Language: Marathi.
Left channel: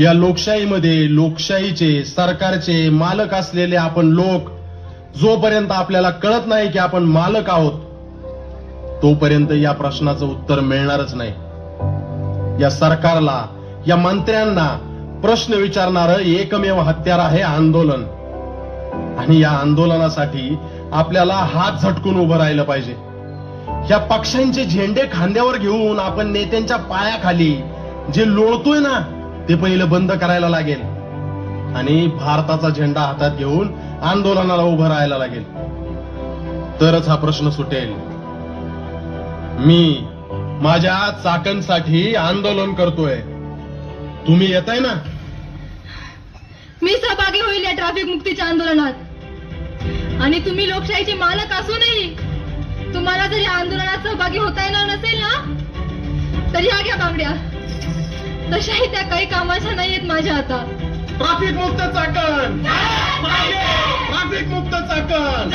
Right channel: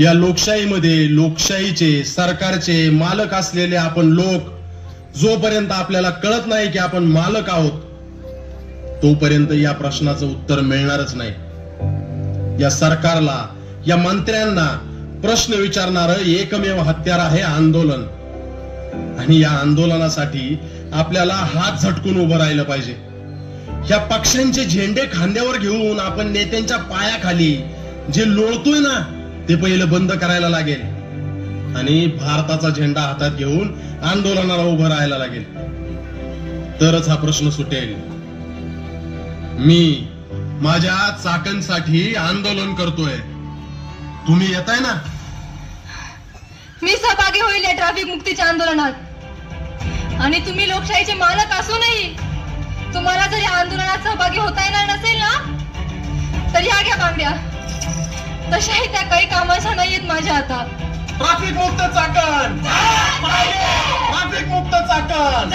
या लोकशाहीमध्ये लोकशाहीचे सरकारचे मालक असलेले आपण लोक जोपर्यंत आपल्याला कळत नाही की आपण मालक आहोत तोपर्यंत या प्रश्नाचं उत्तर मिळणारच नाही. या सरकारला या मंत्र्यांना प्रश्न विचारणारं एकमेव हत्यार आहे आंदोलन. आणि या आंदोलनासाठी आपल्याला हात झटकून उभं राहिलं पाहिजे. या पक्षांचे झेंडे खांद्यावर घेऊन आपण नेत्यांच्या पायाखाली जे लोळतोय ना ते पहिलं बंद करायला लागेल आणि भारताचा झेंडा हातात घेऊन आंदोलनाला उभं राहायला लागेल. तरच हा प्रश्न सुटेल. मी माझ्या चाकणसाठी आंदोलन करतोय. तुम्ही येताय ना? मी सहभागी होईल या ट्रॅफिक मुक्तीच्या आंदोलनात. आणि तुम्ही लोकशाहीचे मालक असूनही तुम्हाला जर या आंदोलनात सहभागी होता येणार नसेल ना तर ह्या घ्या बांगड्या. तशाही त्या काही कामाच्या नाहीयेत माझ्या हातात. ट्रॅफिक मुक्त चाकण, ट्रॅफिक मुक्त चाकण.